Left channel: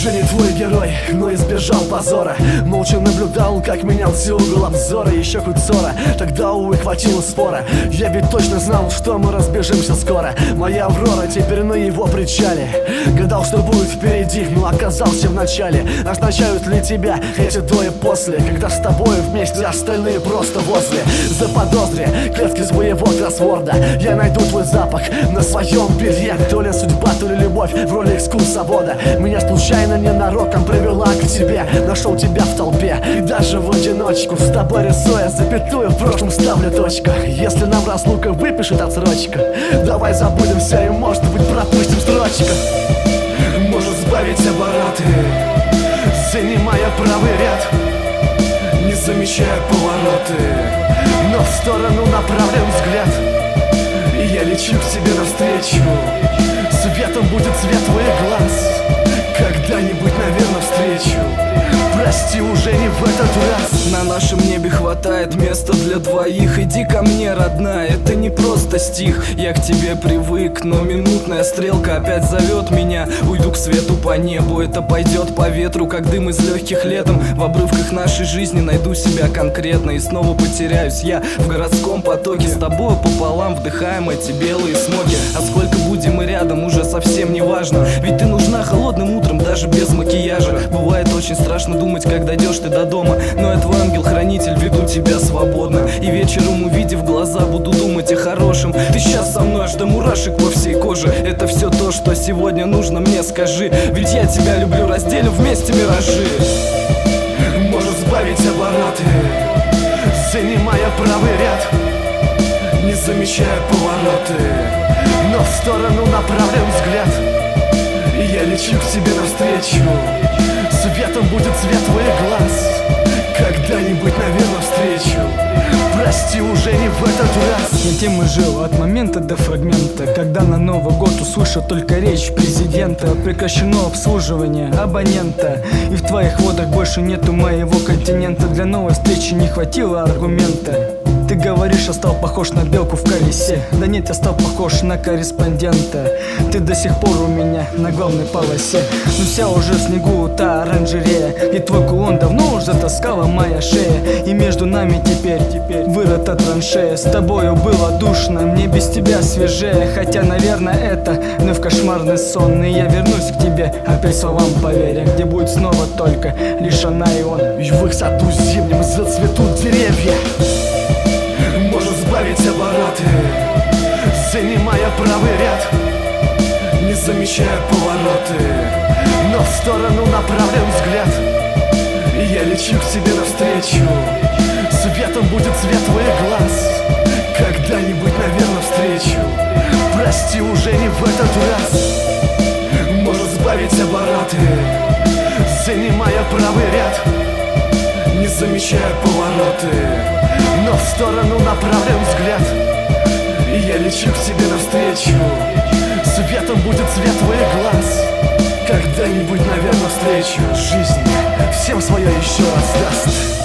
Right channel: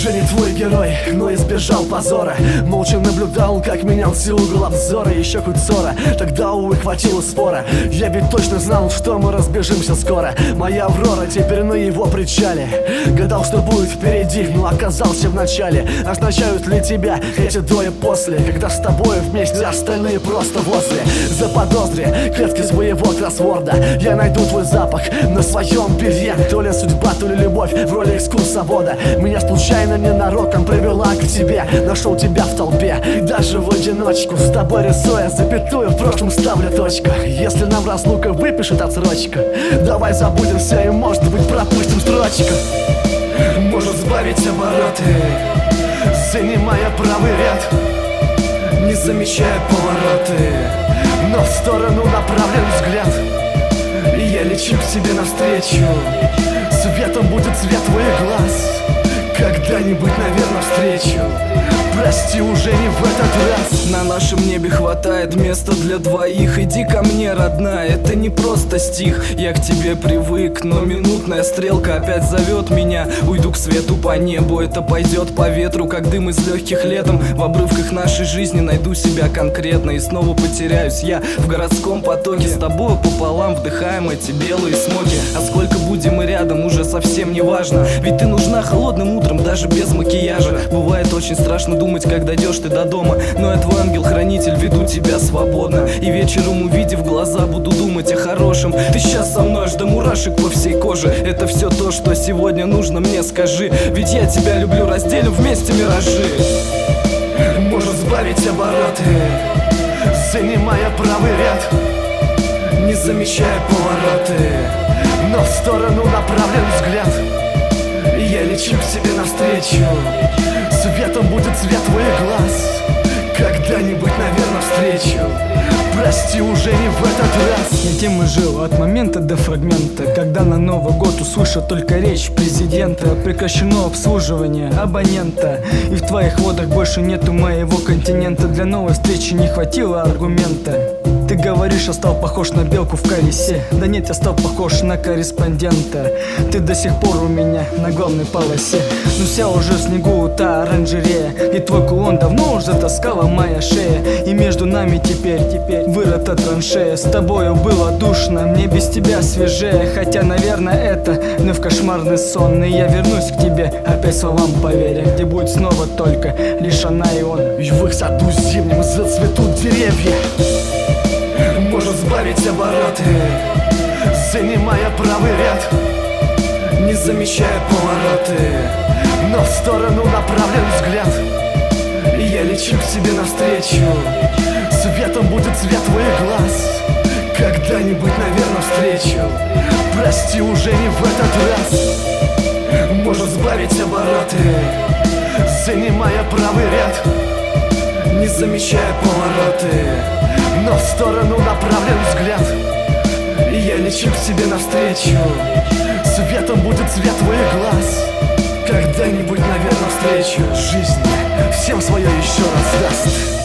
Уже не твой герой, но избежал позора. Молча наблюдал, как менялся угол обзора. Еще хоть ссора, тогда, увы, хватило спора. Я ведь точно знал, что мы разбежимся скоро. Моя Аврора теперь на его причале. Гадал, что будет впереди, но оказался в начале. Означают ли тебя эти до и после, когда с тобой вместе остальные просто возле? Заподозри клетки своего кроссворда. Я найду твой запах на своем белье. То ли судьба, то ли любовь в роли экскурсовода. Меня случайно ненароком привела к тебе. Нашел тебя в толпе и даже в одиночку, с тобой рисуя запятую, в прошлом ставлю точку. Если нам разлука выпишет отсрочка, давай забудем все и, может быть, пропустим строчку. Может сбавить обороты, занимая правый ряд, не замечая повороты, но в сторону направлен взгляд. Я лечу к себе навстречу, светом будет цвет твоих глаз. Когда-нибудь, наверное, встречу. Прости, уже не в этот раз. На нашем небе хватает места для двоих. Иди ко мне, родная, это не просто стих. Я к тебе привык, но минутная стрелка опять зовет меня. Уйду к свету по небу, это пойдет по ветру, как дым из легких летом. В обрывках нашей жизни найду себя конкретно и снова потеряюсь я в городском потоке. С тобою пополам вдыхаем эти белые смоки. А сколько будем мы рядом, уже совсем не важно. Ведь ты нужна холодным утром, даже без макияжа. Бывает очень страшно думать, как дойдешь ты до дома, но я твой ангел-хранитель, веду тебя свободно. И вечером, увидев глаза, буду думать о хорошем. Ты сейчас со мной аж до мурашек по всей коже. Это все то, что сегодня нужно мне, скажи. Ведь я тебя люблю, разделим вместе миражи. Может сбавить обороты, занимая правый ряд, не замечая повороты, но в сторону направлен взгляд. Я лечу к себе навстречу, светом будет цвет твоих глаз. Когда-нибудь, наверное, встречу. Прости, уже не в этот раз. Я тем и жил от момента до фрагмента, когда на Новый год услышал только речь президента. Прекращено обслуживание абонента, и в твоих водах больше нету моего континента. Для новой встречи не хватило аргумента. Ты говоришь, я стал похож на белку в колесе. Да нет, я стал похож на корреспондента. Ты до сих пор у меня на главной полосе. Но вся уже в снегу та оранжерея, и твой кулон давно уже затаскала моя шея. И между нами теперь вырыта траншея. С тобою было душно, мне без тебя свежее. Хотя, наверное, это вновь кошмарный сон. И я вернусь к тебе, опять словам поверя, где будет снова только лишь она и он. И в их саду зимнем зацветут деревья. Может сбавить обороты, занимая правый ряд, не замечая повороты, но в сторону направлен взгляд. Я лечу к себе навстречу, светом будет цвет твоих глаз. Когда-нибудь, наверное, встречу. Прости, уже не в этот раз. Может сбавить обороты, занимая правый ряд, не замечая повороты, но в сторону направлен взгляд. Я лечу к себе навстречу, светом будет цвет твоих глаз. Когда-нибудь, наверное, встречу. Жизнь всем свое еще раз даст.